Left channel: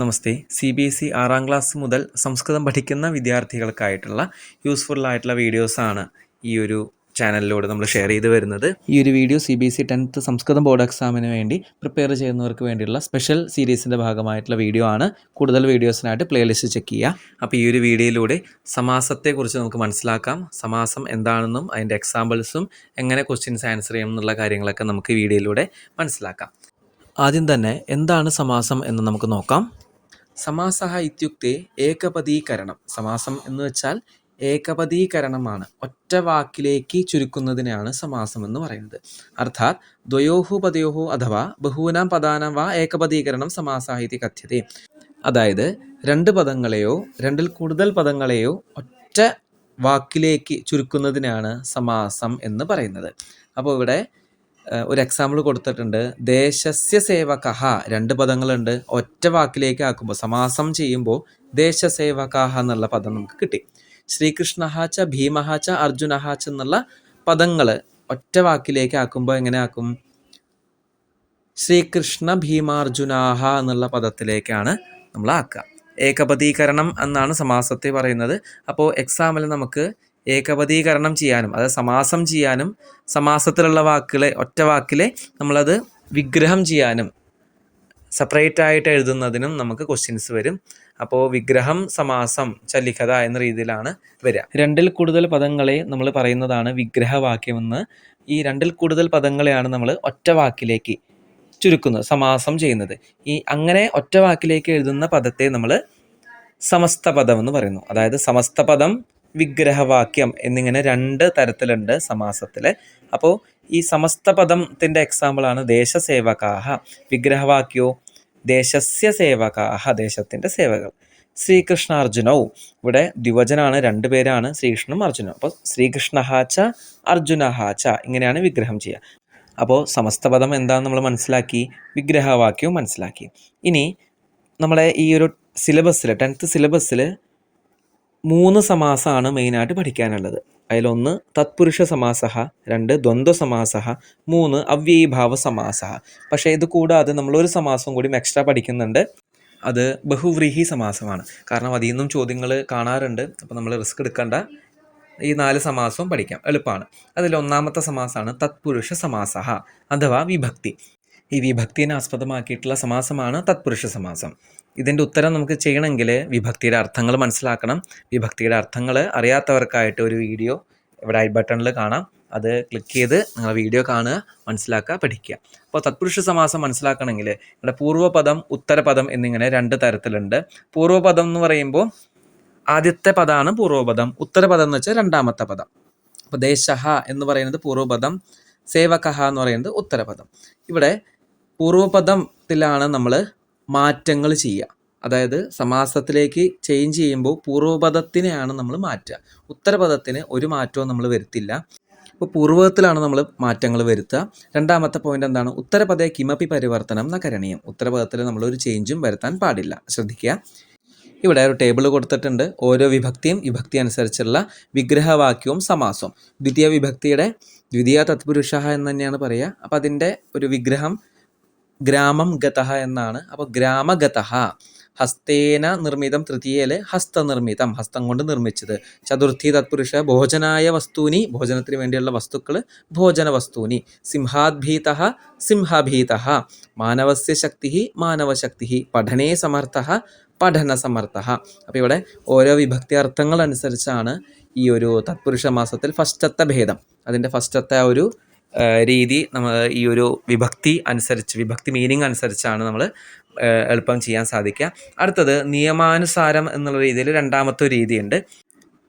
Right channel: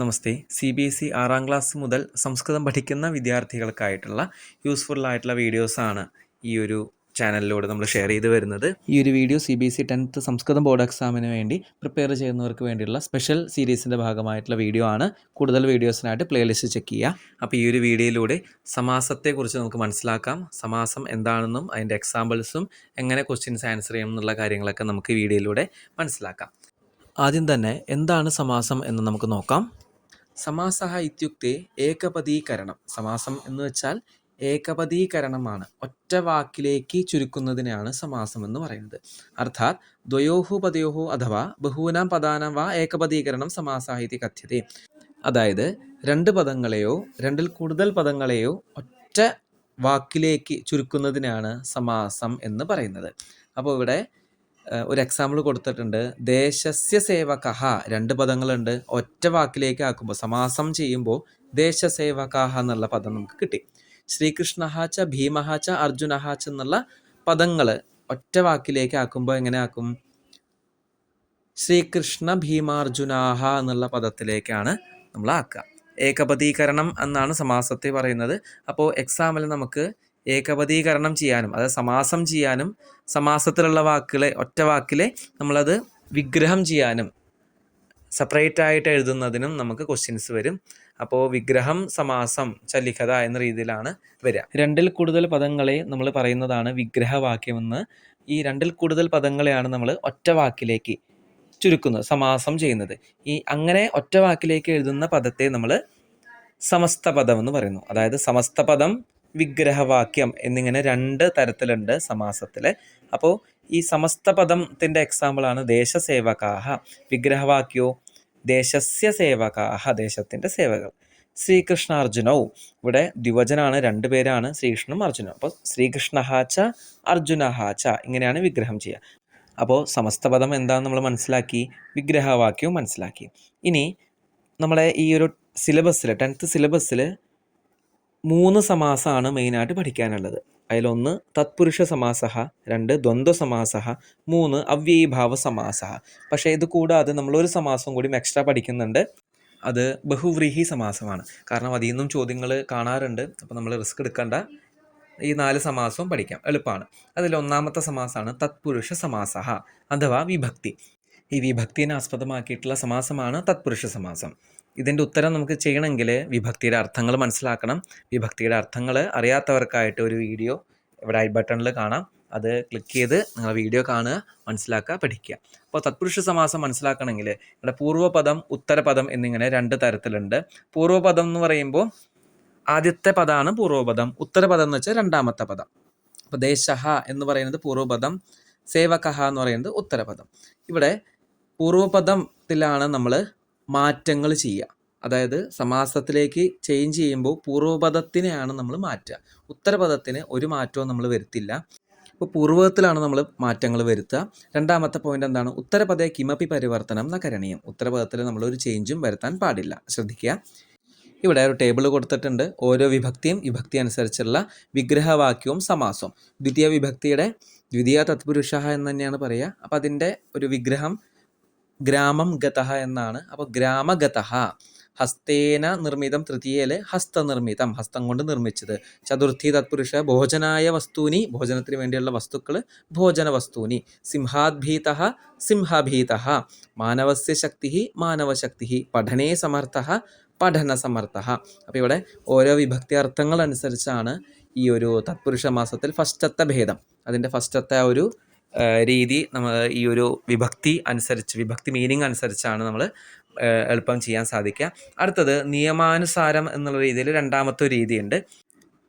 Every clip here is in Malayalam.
നമസ്തേ. CBSE 6ാം ക്ലാസ് മുതൽ സംസ്കൃതം പഠിക്കുന്ന വിദ്യാർത്ഥികൾക്കായിട്ടുള്ള യൂസ്ഫുള്ളായിട്ടുള്ള വീഡിയോസാണ് ഈ ഒരു ചാനലിലൂടെ നമ്മൾ ഷെയർ ചെയ്ത് വരുന്നത്. ഈ ഒരു വീഡിയോ CBSE 10th സംസ്കൃതം ബോർഡ് എക്സാമിന് വേണ്ടി പ്രിപ്പയർ ചെയ്യുന്നവർക്ക് വേണ്ടിയുള്ള സ്പെഷ്യൽ സീരീസിൻ്റെ ഭാഗമായിട്ടുള്ള വീഡിയോ ആണ്. കൂടുതൽ വീഡിയോസിനായിട്ട് പ്ലേലിസ്റ്റ് ചെക്ക് ചെയ്യുക. അപ്പോൾ ഈ ഒരു വീഡിയോയിലൂടെ സമാസത്തെക്കുറിച്ച് നമുക്ക് മനസ്സിലാക്കാം. സമാസം എന്താണെന്നും അതിൻ്റെ എക്സാമ്പിൾസും എങ്ങനെ ക്വസ്റ്റ്യൻസ് ആൻസർ ചെയ്യണം എന്നുള്ള കാര്യങ്ങളൊക്കെ നമുക്ക് ഈ വീഡിയോയിലൂടെ മനസ്സിലാക്കാം. ആദ്യം തന്നെ എന്താണ് സമാസം എന്ന് നമുക്ക് നോക്കാം. സമാസഃ ഇത്യുക്തേ ഏകപദീകരണം. സമാസം എന്ന് വെച്ചാൽ ഏകപദീകരണമാണ്, ഒറ്റ വാക്കിലേക്ക് ചുരുക്കുന്നതിനാണ് സമാസം എന്ന് പറയുന്നത്. അർത്ഥാത് ദ്വയോഹു പദയോഹു അഥവാ ബഹൂനാം പദാനാം വാ ഏകപദീകരണം സമാസഃ ഇതി കഥ്യത്തെ. അതായത് രണ്ട് പദങ്ങളെയോ രണ്ടിൽ കൂടുതൽ പദങ്ങളെയോ ഒറ്റ വാക്കിലേക്ക് ചുരുക്കുന്നതിനാണ് സമാസം എന്ന് പറയുന്നത്. അപ്പോൾ ഇവിടെ ഒരു എക്സാമ്പിൾ കൊടുത്തിട്ടുണ്ട്. ദേശസ്യ സേവകഃ, രണ്ട് പദങ്ങളുണ്ട്, ഒറ്റ വാക്കിലേക്ക് ആക്കുമ്പോൾ സമാസം ചെയ്യുമ്പോൾ ദേശസേവകഃ എന്നുള്ള പദം നമുക്ക് കിട്ടി. ശ്രീകൃഷ്ണഃ ച ഭീമഃ ച അർജുനഃ ച എന്നുള്ള പദങ്ങൾ ഒറ്റ വാക്കിലേക്ക് ആക്കുമ്പോൾ എങ്ങനെ ആക്കും? ശ്രീകൃഷ്ണ ഭീമാർജുനാഹ എന്നുള്ള പദത്തിലേക്കാണ് നമ്മൾ ആക്കുക. ഏകപദീകരണം എന്നാണ് സമാസത്തെ പറയുന്നത്. അപ്പോൾ എക്സാമിൽ നമുക്ക് ഏകപദീകരണം ചെയ്യാനും അതായത് സമാസം ചെയ്യാനും സമാസത്തിലുള്ള വാക്കുകളെ ഒറ്റ വാക്കിലെ നമ്മളത് വിഗ്രഹം ചെയ്യാനും സെപ്പറേറ്റ് ആയിട്ട് എഴുതുന്നതിനും നമുക്ക് ക്വസ്റ്റ്യൻസ് വരും. അപ്പോൾ വിഗ്രഹം സമാസം ചലിഖത എന്ന രീതിയിലാണ് വരിക. രണ്ടിൽ കൂടുതൽ പദങ്ങളെ നമ്മൾ പറയുന്നതാണ് വിഗ്രഹവാക്യമെന്ന്. ഈ രണ്ടിൽ കൂടുതൽ പദങ്ങളെയാണ് നമ്മൾ ഒറ്റ വാക്കിലേക്ക് ചുരുക്കുന്നത്, സമാസം ചെയ്യുന്നത്. ഈ അങ്ങനെ ഒറ്റ വാക്കിലേക്ക് എഴുതുന്ന പദത്തെ നമ്മൾ സമസ്ത പദം എന്ന് പറയുന്നു. അതായത് സമസ്ത പദം, വിഗ്രഹവാക്യം എന്നിങ്ങനെ രണ്ട് തരത്തിലുണ്ട് സമാസത്തിൽ. അപ്പോൾ ഈ സമസ്ത പദത്തിൻ്റെ എക്സാമ്പിളാണ് ദേശസേവകാഹ. വിഗ്രഹവാക്യോ ദേശസ്യ സേവകാഹ, ദേശത്തിൻ്റെ സേവകൾ. ശ്രീകൃഷ്ണാർജുനവും, ഇവിടെ ദ്വിവചനാണ്, രണ്ട് പേരാണ്, ശ്രീകൃഷ്ണനും അർജുനും. അപ്പോൾ ശ്രീകൃഷ്ണഃ ച അർജുനഃ ച ഇങ്ങനെയാണ് വിഗ്രഹം ചെയ്യുക. അപ്പോൾ സമസ്ത പദം എന്താണെന്ന് നമ്മൾ മനസ്സിലാക്കി, വിഗ്രഹവാക്യവും മനസ്സിലാക്കി. ഇനി നമ്മളെ ഈ ഒരു സിലബസിൽ 10th സിലബസിൽ 3 സമാസമാണ് മെയിനായിട്ട് പഠിക്കാനുള്ളത്. അതിലൊന്ന് തത്പുരുഷ സമാസഃ, 2 ദ്വന്ദ്വ സമാസഃ, 3 അവ്യയീഭാവ സമാസഃ. പക്ഷേ ഇത് കൂടാതെ നമ്മളൊരു സമാസം കൂടി എക്സ്ട്രാ പഠിക്കുന്നുണ്ട്. അത് ബഹുവ്രീഹി സമാസമാണ്. കാരണം അതിൽ നിന്നും ചോദ്യങ്ങൾ കാണാറുണ്ട്. അപ്പോൾ നമ്മൾ റിസ്ക് എടുക്കേണ്ട, ഈ 4 സമാസവും പഠിക്കാം, എളുപ്പമാണ്. അതിൽ ഒന്നാമത്തെ സമാസമാണ് തത്പുരുഷ സമാസഃ അഥവാ വിഭക്തി. ഈ വിഭക്തിനെ ആസ്പദമാക്കിയിട്ടുള്ള സമാസമാണ് തത്പുരുഷ സമാസം. ഇതിൻ്റെ ഉത്തരം നമുക്ക് ചെയ്യണമെങ്കിൽ വിഭക്തിയുടെ അർത്ഥങ്ങൾ മനസ്സിലാക്കണം. വിഭക്തിയുടെ അർത്ഥങ്ങൾ അറിയാത്തവർക്കായിട്ട് ഒരു വീഡിയോ ഇവിടെ ഐ ബട്ടണിൽ കാണാം. അത് ക്ലിക്ക് ചെയ്ത് നിങ്ങൾ വീഡിയോ കാണുക, മനസ്സിലാക്കുക, പഠിക്കുക. അപ്പോൾ തത്പുരുഷ സമാസം മനസ്സിലാക്കണമെങ്കിൽ ഇവിടെ പൂർവ്വപദം ഉത്തരപദം എന്നിങ്ങനെ 2 തരത്തിലുണ്ട്. പൂർവ്വപദം എന്ന് പറയുമ്പോൾ ആദ്യത്തെ പദമാണ് പൂർവ്വപദം, ഉത്തരപദം എന്ന് വെച്ചാൽ രണ്ടാമത്തെ പദം. അപ്പോൾ ദേശഃ എന്ന് പറയുന്നത് പൂർവ്വപദം, സേവകഃ എന്ന് പറയുന്നത് ഉത്തരപദം. ഇവിടെ പൂർവ്വപദത്തിലാണ് നമ്മൾ മാറ്റങ്ങൾ ചെയ്യുക. അതായത് സമാസത്തിലേക്ക് ചേഞ്ച് ചെയ്യുമ്പോൾ പൂർവ്വപദത്തിനെയാണ് നമ്മൾ മാറ്റുക, ഉത്തരപദത്തിന് ഒരു മാറ്റവും നമ്മൾ വരുത്തില്ല. ഇപ്പോൾ പൂർവ്വപദത്തിലാണ് നമ്മൾ മാറ്റങ്ങൾ വരുത്തുക. രണ്ടാമത്തെ പോയിന്റ് എന്താണ്? ഉത്തരപദേ കിമപി പരിവർത്തനം ന കരണീയം. ഉത്തരപദത്തിൽ നമ്മളൊരു ചേഞ്ചും വരുത്താൻ പാടില്ല, ശ്രദ്ധിക്കുക. ഇവിടെ ഒരു ടേബിൾ കൊടുത്തിട്ടുണ്ട്. ഓരോ വിഭക്തിയും വിഭക്തി അനുസരിച്ചുള്ള വിഗ്രഹവാക്യവും സമാസവും. ദ്വിതീയ വിഭക്തിയുടെ ദ്വിതീയ തത്പുരുഷ എന്ന് തന്നെയാണ് പറയുക. അപ്പോൾ അതിൻ്റെ ഒരു വിഗ്രഹം ഗ്രാമം ഗതഃ എന്നാണ്. അപ്പോൾ ഗ്രാമഗതഃ, ഹസ്തേന നിർമ്മിതം, തൃതീയയിൽ ഹസ്തനിർമ്മിതം, ഹസ്തം കൊണ്ട് നിർമ്മിച്ചത്. ചതുർത്ഥി തത്പുരുഷ ഭോജനായ വസ്തൂനി, ഭോജനത്തിന് വേണ്ടിയുള്ള വസ്തുക്കൾ, ഭോജന വസ്തൂനി. സിംഹാദ്ഭീതഃ സിംഹഭീതഃ, മാനവസ്യ ശക്തി മാനവശക്തി, പഠനേ സമർത്ഥഃ പഠന സമർത്ഥഃ. അപ്പോൾ ഇവിടെ ഓരോ വിഭക്തി അർത്ഥങ്ങൾ അനുസരിച്ചാണ് ഈ ഒരു തത്പുരുഷ മാസത്തിൽ ഫസ്റ്റത്തെ ഭേദം, അതിൻ്റെ ഫസ്റ്റത്തെ ആ ഒരു രീതി നമ്മൾ ഈ ഒരു വിഭക്തി അനുസരിച്ച്, വിഭക്തി മീനിങ് അനുസരിച്ചാണ് നമ്മൾ എളുപ്പം ചെയ്യാൻ സാധിക്കുക. അടുത്തത് നിയമാനുസാരം എന്നുള്ള രീതിയിൽ രണ്ടാമത്തെ ഒരു രീതിയുണ്ട്.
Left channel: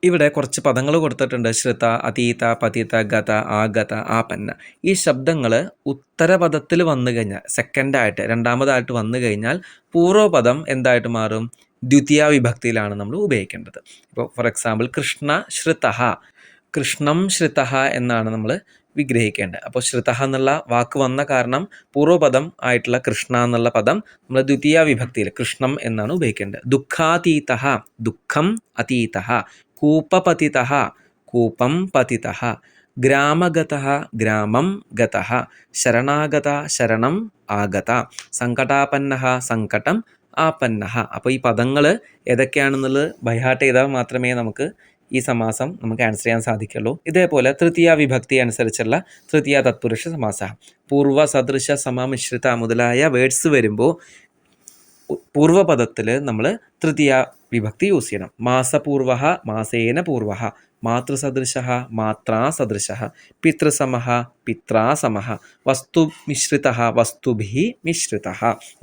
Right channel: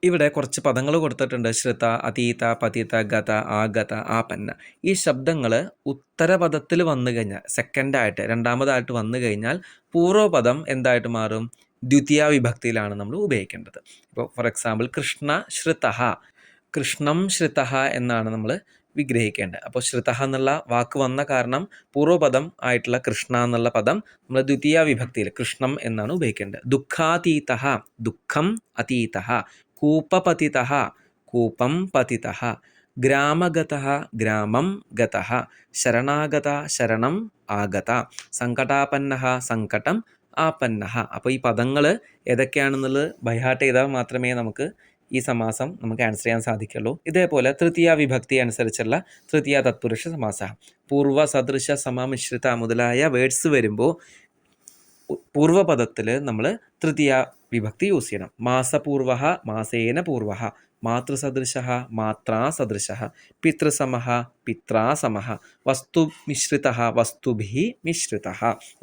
ഇവിടെ കുറച്ച് പദങ്ങൾ കൊടുത്തിട്ടുണ്ട്. ശ്രുത, അതീത, പതിത, ഗത, ആഗത, ആപന്ന. ഈ ശബ്ദങ്ങൾ ഉത്തരപദത്തിൽ വന്നു കഴിഞ്ഞാൽ, സെക്കൻഡായിട്ട് രണ്ടാമതായിട്ട് വന്നു കഴിഞ്ഞാൽ പൂർവ്വപദം എന്തായിട്ട് മാറും? ദ്വിതീയ വിഭക്തിയിലാണ് നമ്മൾ ഉപയോഗിക്കേണ്ടത്. ഇപ്പോൾ ഫോർ എക്സാമ്പിൾ കൃഷ്ണ ശ്രുതഃ, കൃഷ്ണം ശ്രുതഃ എന്നാണ് നമ്മൾ വിഗ്രഹിക്കേണ്ടത്. അപ്പോൾ ശ്രുതഃ എന്നുള്ള വാക്ക് വന്ന കാരണം പൂർവ്വപദം ആയിട്ടുള്ള കൃഷ്ണ എന്നുള്ള പദം നമ്മൾ ദ്വിതീയ വിഭക്തിയിൽ കൃഷ്ണം എന്നാണ് ഉപയോഗിക്കേണ്ടത്. ദുഃഖാതീതഃ, ദുഃഖം അതീതഃ. കൂപപതിതഃ, കൂപം പതിതഃ. ഗ്രാമഗതഃ, ഗ്രാമം ഗതഃ. ശരണാഗത, ശരണം ആഗത. സങ്കടാപന്നഃ, സങ്കടം ആപന്നഃ. അപ്പോൾ ഈ പദങ്ങൾ ഏതൊക്കെയാണെന്നുള്ളത് ബൈഹാർട്ട് ചെയ്താൽ മാത്രമേ നമുക്ക് ഈ സമാസം നമുക്ക് ആൻസർ ചെയ്യാൻ സാധിക്കുള്ളൂ. ഇതേപോലെ തൃതീയ വിഭക്തി അനുസരിച്ചുള്ള തൃതീയ തത്പുരുഷ സമാസ, പൂർവ്വ, സദൃശ, സമമിശ്രിത മുതലായ വേർഡ്സ് വരുമ്പോൾ പൂർവ്വപദത്തിൽ നമ്മൾ തൃതീയ വിഭക്തി യൂസ് ചെയ്യണം. മാസപൂർവ, മാസേന പൂർവ, മാതൃസദൃശ, മാത്രാസദൃശ, പിതൃസമഃ, പിത്രാസമഃ, വസ്തുമിശ്രിത, വസ്തുഭിः മിശ്രിത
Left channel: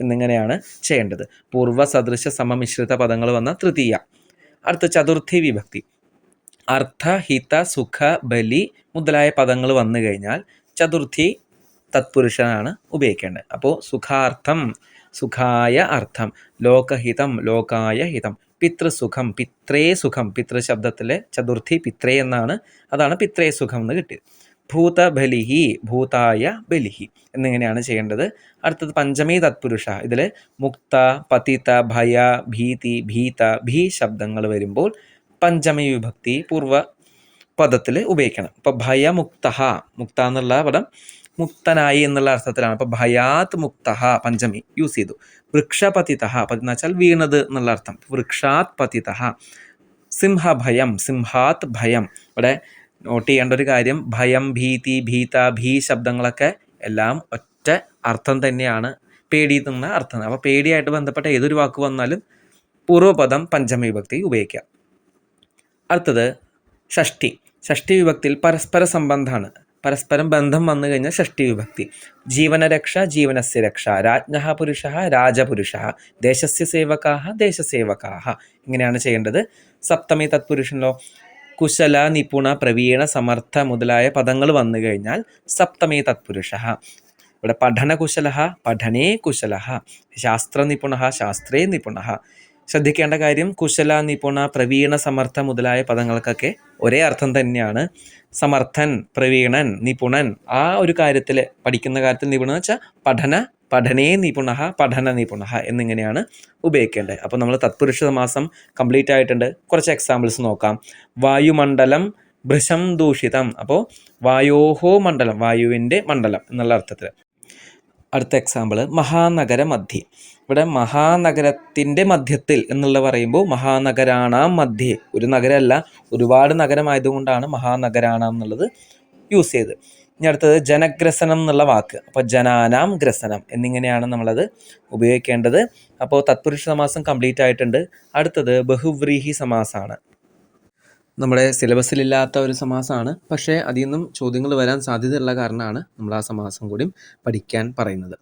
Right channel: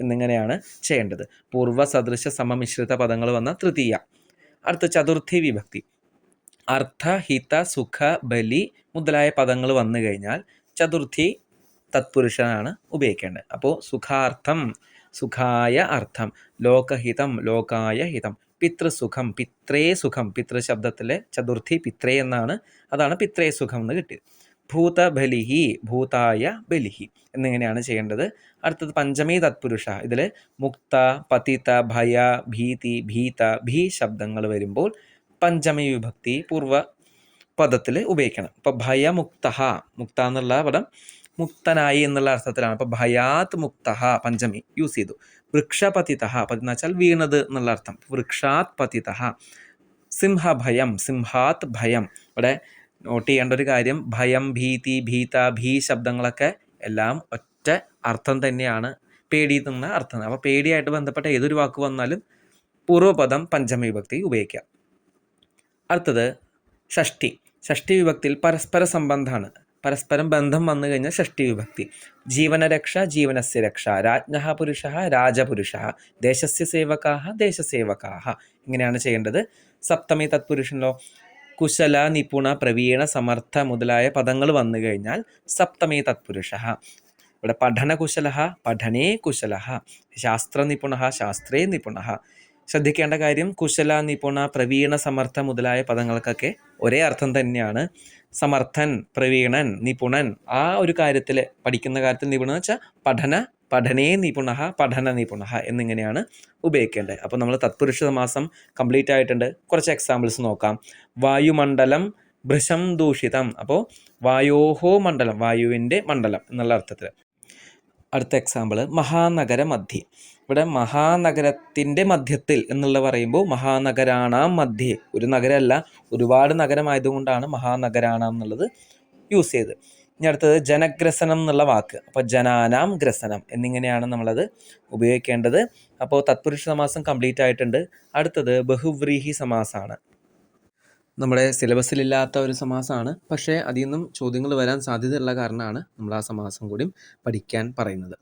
എന്നിങ്ങനെയാണ് ചെയ്യേണ്ടത്. പൂർവ്വ, സദൃശ, സമമിശ്രിത പദങ്ങൾ വന്ന തൃതീയ. അടുത്ത ചതുർത്ഥി വിഭക്തി. അർത്ഥ, ഹിത, സുഖ, ബലി മുതലായ പദങ്ങൾ വന്നു കഴിഞ്ഞാൽ ചതുർത്ഥി തത്പുരുഷനാണ് ഉപയോഗിക്കേണ്ടത്. അപ്പോൾ സുഖാർത്ഥം, സുഖായ അർത്ഥം, ലോകഹിതം, ലോകായ ഹിതം, പിതൃസുഖം, പിത്രേ സുഖം, പിതൃശബ്ദത്തിലെ ചതുർത്ഥി പിത്രേ എന്നാണ്, അതാണ് പിത്രേ സുഖം എന്ന് കിട്ടിയത്. ഭൂതബലിഹി, ഭൂതായ ബലിഹി എന്നിങ്ങനെയാണ് ചെയ്യേണ്ടത്. അടുത്തത് പഞ്ചമി തത്പുരുഷ. ഇതിൽ മുക്ത, പതിത, ഭയ, ഭീതി, ഭീത, ഭീ ശബ്ദങ്ങൾ വരുമ്പോൾ പഞ്ചമി വിഭക്തി പൂർവ്വ പദത്തിൽ ഉപയോഗിക്കണം. ഇപ്പോൾ ഭയമുക്ത, മുക്ത എന്നുള്ള പദം മുക്തനായി എന്നുള്ള അർത്ഥത്തിലാണ്. അപ്പോൾ ഭയാത് മുക്ത പഞ്ചമി യൂസ് ചെയ്തു. വൃക്ഷപതിത, പതി എന്ന് വെച്ചാൽ വീണത് എന്നുള്ള അർത്ഥം. വൃക്ഷാത് പതിത. സിംഹഭയം, സിംഹാത് ഭയം. ഇവിടെ നോട്ട് ചെയ്യേണ്ട ഒരു കാര്യം, ഭയം, ഭീതി, ഭീത, ഭീ ശബ്ദങ്ങളൊക്കെ എല്ലാം ഒറ്റ അർത്ഥം തന്നെയാണ്, പേടി എന്ന അർത്ഥം. അപ്പോൾ പേടിയായിട്ട് ബന്ധപ്പെട്ട ഏതൊരു വാക്ക് വന്നാലും പൂർവ്വപദം പഞ്ചമി വിഭക്തി ഉപയോഗിക്കാം. അടുത്തത് ഷഷ്ടി. ഷഷ്ടി വിഭക്തിയിൽ പരസ്പര സംബന്ധമാണ്, പരസ്പരം ബന്ധം വന്നു കഴിഞ്ഞാൽ ഷഷ്ടി വിഭക്തി. ജീവനരക്ഷ, ജീവനസ്യ രക്ഷ, രാജ്ഞഃ പുരുഷഃ, രാജപുരുഷഃ, ദേശസ്യ സേവകാഃ, ദേശസേവകാഃ ഇങ്ങനെയാണ് ചെയ്യേണ്ടത്. സപ്തമി തത്പുരുഷനിലോ കുശല, നിപുണ, പ്രവീണ, സമർത്ഥ മുതലായ പദങ്ങൾ വന്നു കഴിഞ്ഞാൽ സപ്തമി തത്പുരുഷഃ. ഇവിടെ പഠനകുശലഃ, പഠനേ കുശലഃ, ശാസ്ത്രനിപുണഃ, ശാസ്ത്രേ നിപുണഃ. ശ്രദ്ധിക്കേണ്ട കാര്യം, കുശല, നിപുണ, പ്രവീണ, സമർത്ഥ മുതലായ പദങ്ങൾക്കൊക്കെ ഒരേ അർത്ഥം തന്നെയാണ്. സമർത്ഥൻ, പ്രവീണൻ, നിപുണൻ, ആ ഒരു കാര്യത്തിൽ പഠിക്കുന്ന കാര്യത്തിൽ നിപുണൻ എന്ന് വെച്ചാൽ പഠനേ നിപുണ, പഠന നിപുണ എന്നിങ്ങനെയാണ് ഉപയോഗിക്കേണ്ടത്. അപ്പോൾ നമ്മൾ തത്പുരുഷ സമാസം കംപ്ലീറ്റ് ആയിട്ടുണ്ട്. കുറച്ച് എക്സാമ്പിൾസ് നോക്കാം. വായുമണ്ഡലം, ഭൃശം ദൂഷിതം. അപ്പോൾ വായോഹോ മണ്ഡലം, വായുവിൻ്റെ മണ്ഡലം എന്നുള്ള അർത്ഥത്തിൽ. അടുത്ത എക്സാമ്പിൾ മഹാനഗര മധ്യേ. ഇവിടെ മഹാനഗരത്തിൻ്റെ മധ്യത്തിൽ എന്നുള്ള പറയുമ്പോൾ മഹാനഗരാണാം മധ്യേ, ഒരു നഗരമല്ല ഒരുപാട് നഗരമായതുകൊണ്ടാണ് മഹാനഗരാണാം എന്നുള്ളത് യൂസ് ചെയ്ത്. ഇനി അടുത്തത് ജനഗ്രസനം എന്നുള്ള വാക്ക്. അപ്പോൾ ജനാനാം ഗ്രസനം എന്നിങ്ങനെയാണ് നമ്മളത് ഉപയോഗിക്കേണ്ടത്. അപ്പോൾ തത്പുരുഷ സമാസം കംപ്ലീറ്റ് ആയിട്ടുണ്ട്. അടുത്തത് ബഹുവ്രീഹി സമാസമാണ്. നമ്മുടെ സിലബസിലില്ലാത്ത ഒരു സമാസമാണ്, പക്ഷേ അതിൽ നിന്നും ചോദ്യങ്ങൾ വരാൻ സാധ്യതയുള്ള കാരണമാണ് നമ്മൾ ആ സമാസം കൂടി പഠിക്കാൻ പറയുന്നത്.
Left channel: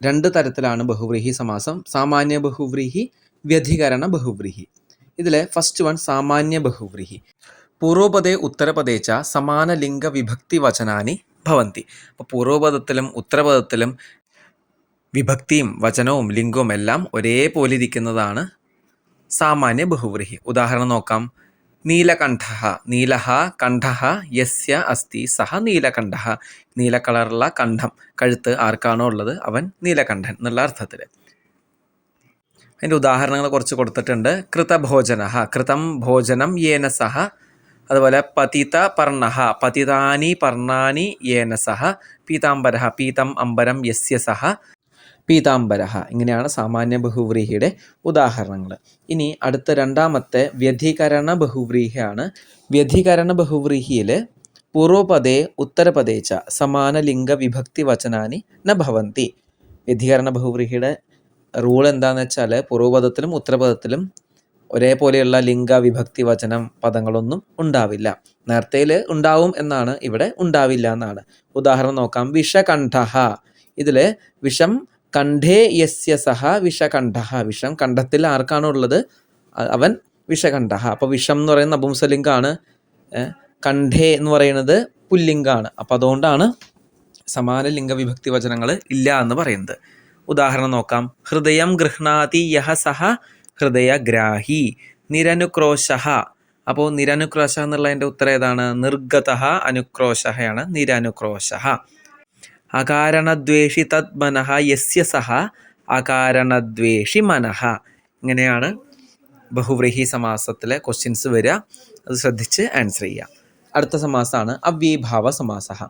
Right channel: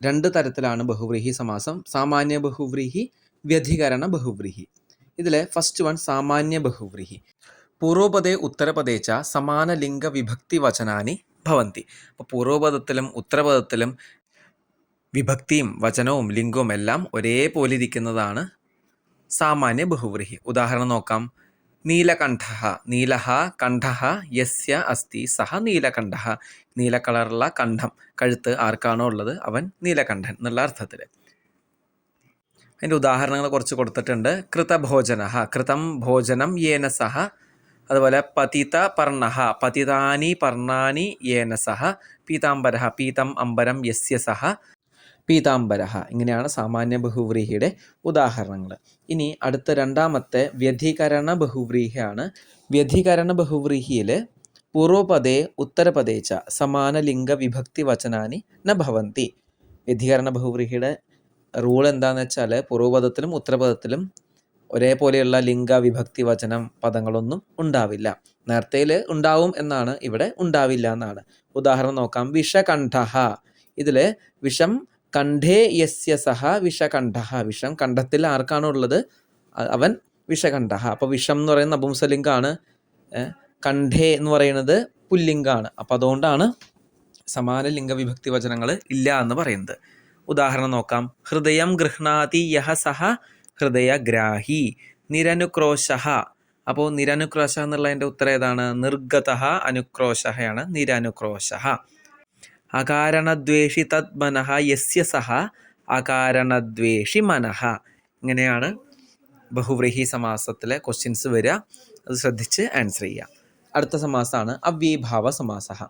രണ്ട് തരത്തിലാണ് ബഹുവ്രീഹി സമാസം. സാമാന്യ ബഹുവ്രീഹി, വ്യധികരണ ബഹുവ്രീഹി. ഇതിലെ ഫസ്റ്റ് വൺ സാമാന്യ ബഹുവ്രീഹി. പൂർവപദേ ഉത്തരപദേ ച സമാന ലിംഗ വിഭക്തി വചനാനി ഭവന്തി. അപ്പോൾ പൂർവപദത്തിലും ഉത്തരപദത്തിലും വിഭക്തിയും വചനവും ലിംഗവും എല്ലാം ഒരേപോലെ ഇരിക്കുന്നതാണ് സാമാന്യ ബഹുവ്രീഹി. ഉദാഹരണം നോക്കാം. നീലകണ്ഠഃ, നീലഃ കണ്ഠഃ യസ്യ അസ്തി സഹ നീലകണ്ഠഃ. നീല കളറുള്ള കണ്ഠം, കഴുത്ത് ആർക്കാണോ ഉള്ളത് അവൻ നീലകണ്ഠൻ എന്നുള്ള അർത്ഥത്തിൽ. അതിൻ്റെ ഉദാഹരണങ്ങൾ കുറച്ച് കൊടുത്തിട്ടുണ്ട്. കൃതഭോജനഃ, കൃതം ഭോജനം യേന സഹ. അതുപോലെ പതിത പർണഃ, പതിതാനി പർണാനി യേന സഹ. പീതാംബരഃ, പീതം അംബരം യസ്യ സഹ പീതാംബരഃ. ഇങ്ങനെയാണ് സാമാന്യ ബഹുവ്രീഹിയുടെ ഉദാഹരണങ്ങൾ. ഇനി അടുത്ത രണ്ടാമത്തെ വ്യധികരണ ബഹുവ്രീഹിയാണ്. വ്യധികരണ ബഹുവ്രീഹിയിൽ പൂർവപദേ ഉത്തരപദേ ച സമാന ലിംഗ വിഭക്തി വചനാനി ന ഭവന്തി. വ്യധികരണ ബഹുവ്രീഹിയുടെ റൂൾ എന്താണെന്ന് വെച്ചാൽ പൂർവപദത്തിലും ഉത്തരപദത്തിലും ഒരേപോലെയുള്ള ലിംഗ വിഭക്തി വചനം പദങ്ങളൊന്നും ഉണ്ടാവില്ല. നേരത്തേൽ ഉണ്ടാവും എന്നാണ്, ഇവിടെ ഉണ്ടാവില്ല എന്നാണ്. ഉദാഹരണം നോക്കാം. വിഷകണ്ഠഃ. ഇതിൽ വിഷം കണ്ഠേ യസ്യ സഹ വിഷകണ്ഠഃ. വിഷം കണ്ഠത്തിൽ ആർക്കാണോ ഉള്ളത് അവൻ വിഷകണ്ഠഃ. അപ്പോൾ വിഷം എന്ന് പറയുന്നത് നപുംസലിംഗാണ്, കണ്ഠേ എന്ന് പറയുന്നത് പുല്ലിംഗാണ്. അപ്പോൾ അതുകൊണ്ടാണ് സമാന ലിംഗ വിഭക്തി വചനങ്ങൾ ഇല്ല എന്ന് പറയുന്നത്. ഉദാഹരണം നോക്കാം. ഹൃദയം ഗൃഹ്ണാതി യഹ സഹ ഹൃദയഗ്രാഹി. നിരനുക്രോശഃ. അപ്പോൾ നിരനുക്രോശ എന്നുള്ളതിൻ്റെ ഉത്തരം ഏതാണ്? നിർഗതഃ അനുക്രോശയാണ് നിരനുക്രോശഃ. അകാരണദ്വേഷി തദ് മനഃ യസ്യ സഹ അകാരണദ്വേഷി മനഃ. ഇങ്ങനെയാണ് ബഹുവ്രീഹി സമാസത്തിലെ ക്വസ്റ്റ്യൻസ് വരിക. അത് ശ്രദ്ധിച്ച് ആൻസർ ചെയ്യുക. അടുത്ത സമാസമാണ് അവ്യയീഭാവ സമാസഃ.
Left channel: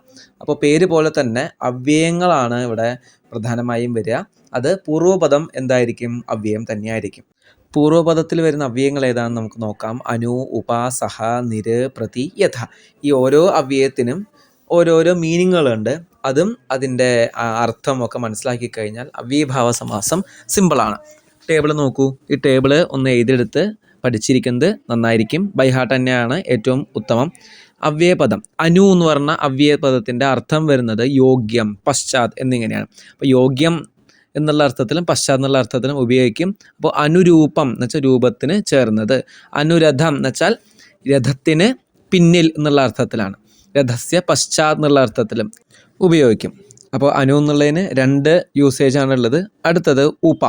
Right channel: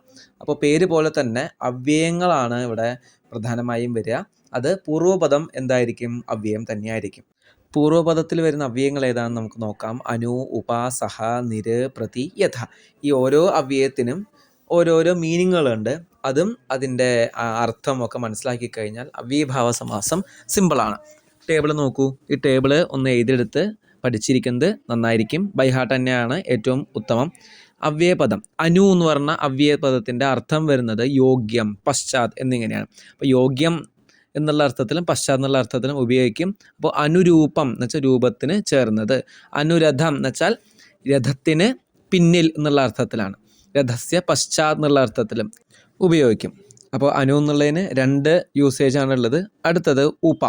അപ്പോൾ പേര് പോലെ തന്നെ അവ്യയങ്ങളാണ് ഇവിടെ പ്രധാനമായും വരിക. അത് പൂർവ്വപദം എന്തായിരിക്കും? അവ്യയം തന്നെയായിരിക്കും. പൂർവ്വപദത്തിൽ വരുന്ന അവ്യയങ്ങൾ ഏതാണെന്ന് നമുക്ക് നോക്കാം. അനു, ഉപ, സഹ, നിര്, പ്രതി, യഥ. ഈ ഓരോ അവ്യയത്തിനും ഓരോരോ മീനിങ്ങുകളുണ്ട്. അതും അതിൻ്റെ അർത്ഥമൊക്കെ മനസ്സിലാക്കി കഴിഞ്ഞാൽ അവ്യയഭാവ സമാസം സിമ്പിളാണ്. ടേബിൾ നോക്കൂ. ഈ ടേബിൾ ഒന്ന് എഴുതിയെടുത്ത് പഠിച്ചിരിക്കുന്നത് നന്നായിരിക്കും. ബൈ ഹാർട്ട് തന്നെയാണ് ഏറ്റവും ഉത്തമം. അവ്യയപദം അനു എന്ന് പറഞ്ഞ അവ്യയപദത്തിൻ്റെ അർത്ഥം വരുന്നത് യോഗ്യം, പശ്ചാത് എന്നിങ്ങനെയാണ്. അപ്പോൾ യോഗ്യം എന്നുള്ള അർത്ഥത്തിലും പശ്ചാത്ത് എന്നുള്ള അർത്ഥത്തിലും ഉപയോഗിക്കും. അപ്പോൾ അനുരൂപം എന്ന് വെച്ചാൽ രൂപത്തിന് ചേർന്നത്. അനുരഥം എന്ന് വെച്ചാൽ രഥത്തിന് പിന്നിൽ എന്നുള്ള അർത്ഥത്തിലാണ്. രഥസ്യ പശ്ചാത്ത് എന്നുള്ള അർത്ഥത്തിലും ഉപയോഗിക്കും. അപ്പോൾ അനു എന്നുള്ളതിന് 2 യൂസേജാണുള്ളത്. അടുത്തത് ഉപ.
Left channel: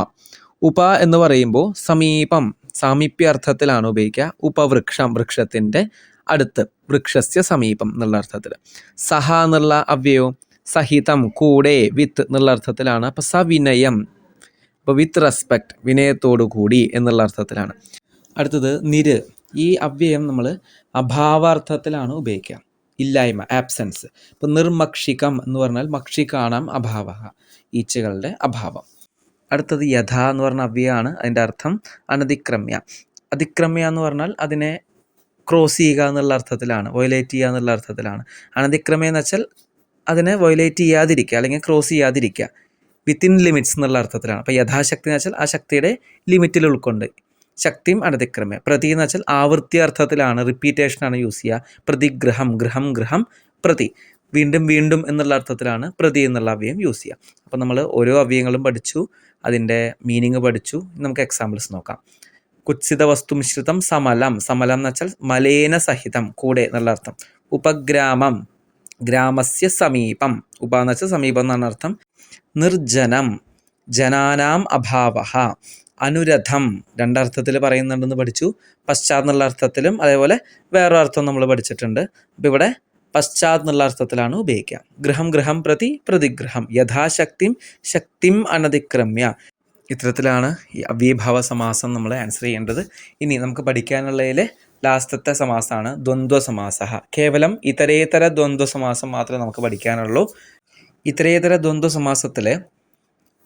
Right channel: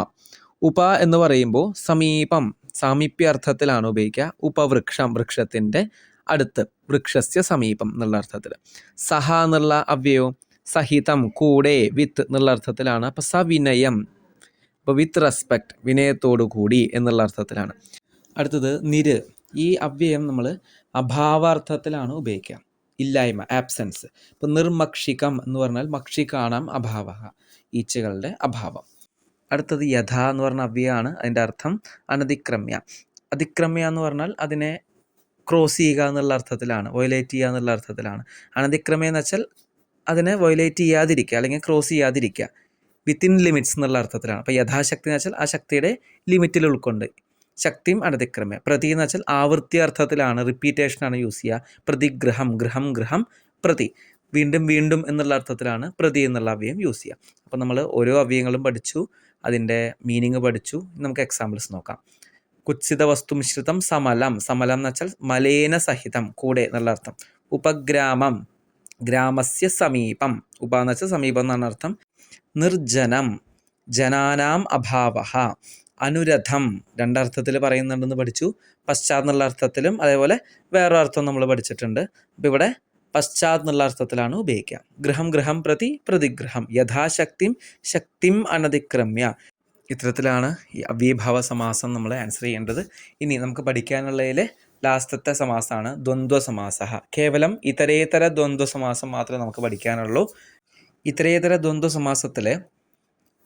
ഉപ എന്ന് പറയുമ്പോൾ സമീപം, സാമീപ്യ അർത്ഥത്തിലാണ് ഉപയോഗിക്കുക. ഉപവൃക്ഷം, വൃക്ഷത്തിൻ്റെ അടുത്ത്, വൃക്ഷസ്യ സമീപം എന്നുള്ള അർത്ഥത്തിൽ. സഹ എന്നുള്ള അവ്യയവും സഹിതം, കൂടെ, വിത്ത് എന്നുള്ള അർത്ഥത്തിലാണ്. അപ്പോൾ സവിനയം, അപ്പോൾ വിത്ത് റെസ്പെക്റ്റ്, വിനയത്തോടു കൂടി എന്നുള്ള അർത്ഥത്തിലാണ്. അടുത്തത് നിര്. ഈ അവ്യയം നമ്മൾ അഭാവാർത്ഥത്തിലാണ് ഉപയോഗിക്കുക. ഇല്ലായ്മ, ആബ്സെൻസ്. ഇപ്പോൾ നിർമക്ഷികം എന്ന് പറഞ്ഞാൽ മക്ഷികാണം അഭാവ, ഈച്ചകളുടെ അഭാവം. അടുത്തത് യഥ എന്ന് പറഞ്ഞ അവ്യയമാണ്. അതിൻ്റെ അർത്ഥം അനതിക്രമ്യ. അതിക്രമ്യ എന്ന് പറഞ്ഞാൽ അതിനെ ക്രോസ് ചെയ്യുക എന്നുള്ള അർത്ഥത്തിലാണ്, വയലേറ്റ് ചെയ്യുക എന്നുള്ള അർത്ഥത്തിലാണ്. അനതിക്രമ്യ എന്ന് വെച്ചാൽ അതിനെ വയലേറ്റ് ചെയ്യാതിരിക്കുക അല്ലെങ്കിൽ ക്രോസ് ചെയ്യാതിരിക്കുക, വിത്തിൻ ലിമിറ്റ്സ് എന്നുള്ള അർത്ഥത്തിലാണ്. അപ്പോൾ യഥാശക്തി എന്ന് വെച്ചാൽ ആ ശക്തിയുടെ ലിമിറ്റിൽ ഉൾക്കൊണ്ട്. ശക്തിയും അനതിക്രമ്യ. പ്രതി എന്ന് വെച്ചാൽ ആവൃത്തി അർത്ഥത്തിലാണ്, റിപ്പീറ്റേഷനാണ് യൂസ് ചെയ്യുക. പ്രതിഗ്രഹം, ഗൃഹം, ഗൃഹം, പ്രതി, വീണ്ടും വീണ്ടും എന്നുള്ള അർത്ഥത്തിലാണ് പ്രതി എന്നുള്ള അവ്യയം യൂസ് ചെയ്യുക. അപ്പോൾ നമ്മൾ ഓരോ അവ്യയങ്ങളും പഠിച്ചു, അതിൻ്റെ മീനിങ് പഠിച്ചു. നമുക്ക് എക്സാമ്പിൾസ് നോക്കാം. കുത്സിത വസ്തു മിശ്രിതം സമലം. സമലം എന്ന് വെച്ചാൽ മലേന സഹിതം, കൂടെ എന്നുള്ള അർത്ഥം. ഉപഗ്രാമം, ഗ്രാമസ്യ സമീപം. ഉപ എന്ന് വെച്ചാൽ സമീപം എന്നാണ് അർത്ഥം. നിർജ്ജനം, ജനാനാം അഭാവഃ. അനുരഥം 2 അർത്ഥത്തിൽ പറയുന്നുണ്ടെന്ന് പഠിച്ചു. പശ്ചാത്ത് എന്നുള്ള അർത്ഥത്തിലും അതേപോലെ വേറൊരു അർത്ഥം നമ്മൾ പഠിച്ചിട്ടുണ്ട്. അപ്പോൾ ഇവിടെ പശ്ചാത്ത് എന്നുള്ള അർത്ഥത്തിലാണ് ഉപയോഗിക്കുക. ഗൃഹം, ഗൃഹം പ്രതി, പ്രതിഗ്രഹം. യഥാശക്തിം, ശക്തിം അനതിക്രമ്യ. ഇത്തരത്തിലാണ് ഈ അവ്യയഭാവ സമാസം നമ്മൾ ആൻസർ ചെയ്യേണ്ടത്. ഇനി നമുക്ക് പഠിക്കാനുള്ളതിൽ ലാസ്റ്റത്തെ സമാസമാണ് ദ്വന്ദ്വ സമാസ. കേവലം ഇതരേതര ദ്വന്ദ്വ സമാസം മാത്രമേ നമുക്ക് പഠിക്കാനുള്ളൂ. ഇതരേതര ദ്വന്ദ്വ സമാസത്തിൽ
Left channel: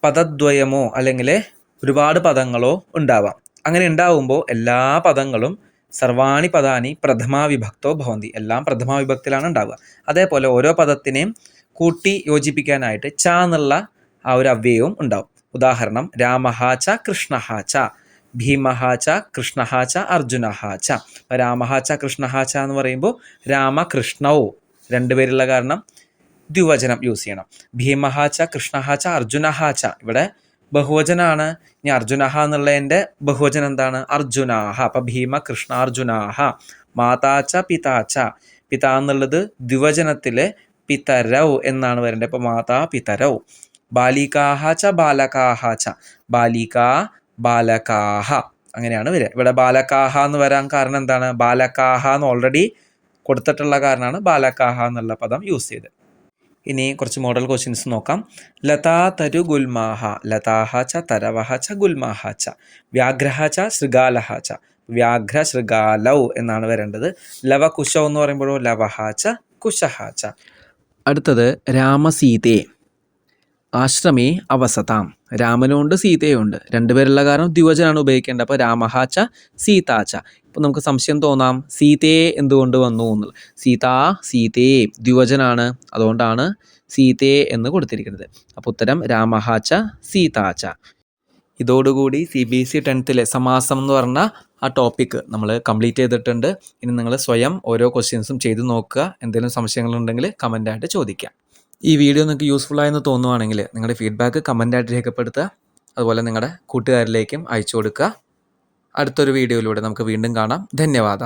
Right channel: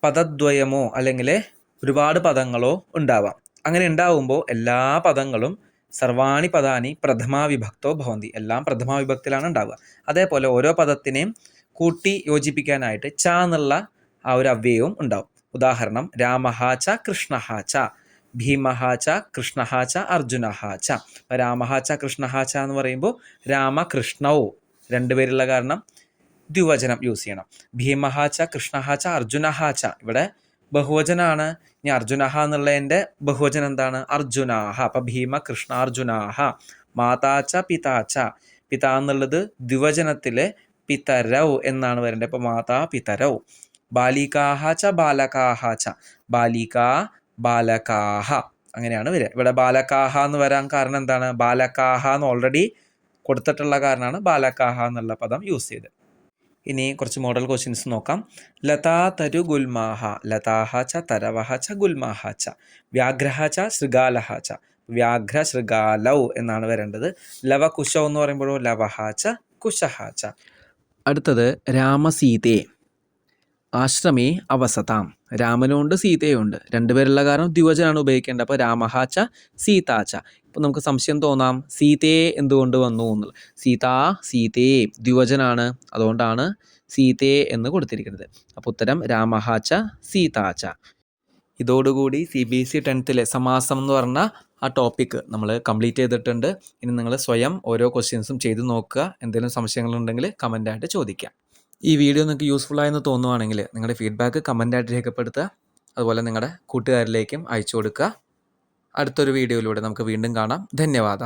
പദദ്വയമോ അല്ലെങ്കിൽ ഒരുപാട് പദങ്ങളോ ഉണ്ടാവാം. അങ്ങനെ ഉണ്ടാവുമ്പോൾ എല്ലാ പദങ്ങളും സർവാണി പദാനി പ്രഥമാ വിഭക്തോ ഭവന്തി, എല്ലാം പ്രഥമാ വിഭക്തിയിലാണ് ഉണ്ടാവുക. അതേപോലെ ഓരോ പദത്തിനെയും കൂട്ടി യോജിപ്പിക്കാനായിട്ട് ച എന്നുള്ള ആ ഒരു അവ്യയവും ഉണ്ടാവും. ഉദാഹരണം രാമഹ ച കൃഷ്ണഹ ച, ഭീമഹ ച കൃഷ്ണഹ ച അർജുനഹ ച. രാമഹ ച കൃഷ്ണഹ ച എന്ന് പറയുമ്പോൾ രാമകൃഷ്ണവും 2 പേരുള്ള കാരണം ദ്വിവചനം യൂസ് ചെയ്യണം. ഭീമഹ ച കൃഷ്ണഹ ച അർജുനഹ ച, ഇവിടെ ബഹുവചനാണ്. ഇനി അർജുനഹ എന്നുള്ളതിൻ്റെ ബഹുവചനം എന്താണ്? അർജുനാഹ. അപ്പം ഭീമ കൃഷ്ണ അർജുനാഹ. മാതാച്ച പിതാച്ച, പിതാ എന്നുള്ളത് ദ്വിവചനത്തിലെ പിതരൗ എന്നാണ് വരേണ്ടത്. അപ്പോൾ മാതാ പിതരൗ. ബാലികാഹ ച ബാലകാഹ ച, ബാലികാ ബാലകാഹ അങ്ങനെയാണ് വരിക. ഇവിടെ ബാലകാഹ എന്ന് വരാൻ കാരണം എന്താണ്? ബാലകാഹ എന്ന് ഓൾറെഡി കൊടുത്തിട്ടുള്ള കാരണമാണ് ബാലകാഹ എന്നുള്ള പദം യൂസ് ചെയ്തത്. ഇനി കുറച്ച് മോഡൽ ക്വസ്റ്റ്യൻസ് നോക്കാം. ലതാ തരു ഗുൽമാഹ, ലതാഹ ച തരവഹ ച ഗുൽമാഹ ച. വ്യാഘ്രഹ ച ശൃഗാലഹ ച, വ്യാഘ്ര ശൃഗാലൗ എന്നാണ് വരേണ്ടത്. ലവ കുശൗ എന്ന് പറയുമ്പോഴോ ലവഹ ച കുശഹ ച. അടുത്തത് രാമസീതേ, ആശ്രമേ അവസതാം. രാമനുണ്ട് സീതയുണ്ട്, 2 പേരുള്ള കാരണം ദ്വിവചനാണ് ഉപയോഗിക്കേണ്ടത്. അപ്പോൾ രാമഹ ച സീതാ ച. ഇപ്പോൾ നമുക്ക് സംശയം തോന്നാം, സീതയെ എന്തുകൊണ്ട് വന്നു എന്നുള്ളത്. സീതാ സീതേ ദ്വിവചനാണ്, അതുകൊണ്ടാണ് സീതയെ എന്ന് കൊടുത്തിരിക്കുന്നത്. അപ്പോൾ ഉത്തരം രാമഹ ച സീതാ ച. ഇതോടുകൂടി CBSE 10th സമാസം എന്ന് പറഞ്ഞ ആ ടോപ്പിക്ക് നമ്മൾ കംപ്ലീറ്റ് ചെയ്തിട്ടുണ്ട്. ഇനി നിങ്ങൾ സ്വയം ഓരോ ക്വസ്റ്റ്യൻസും ചെയ്ത് നോക്കുക. എന്തെങ്കിലും സംശയങ്ങളുണ്ടെങ്കിൽ കമൻ്റായിട്ട് ചോദിക്കാം. ഈ വീഡിയോ നിങ്ങൾക്ക് യൂസ്ഫുള്ളായെന്ന് തോന്നുവാണെങ്കിൽ നിങ്ങളുടെ ഫീഡ്ബാക്ക് കമൻ്റായിട്ട് രേഖപ്പെടുത്തുക. അതുപോലെ നിങ്ങളുടെ കൂട്ടുകാരിലേക്കും അയച്ചു കൊടുക്കുക. അടുത്തൊരു വീഡിയോയിലൂടെ നമുക്ക് വീണ്ടും കാണാം. ധന്യവാദ.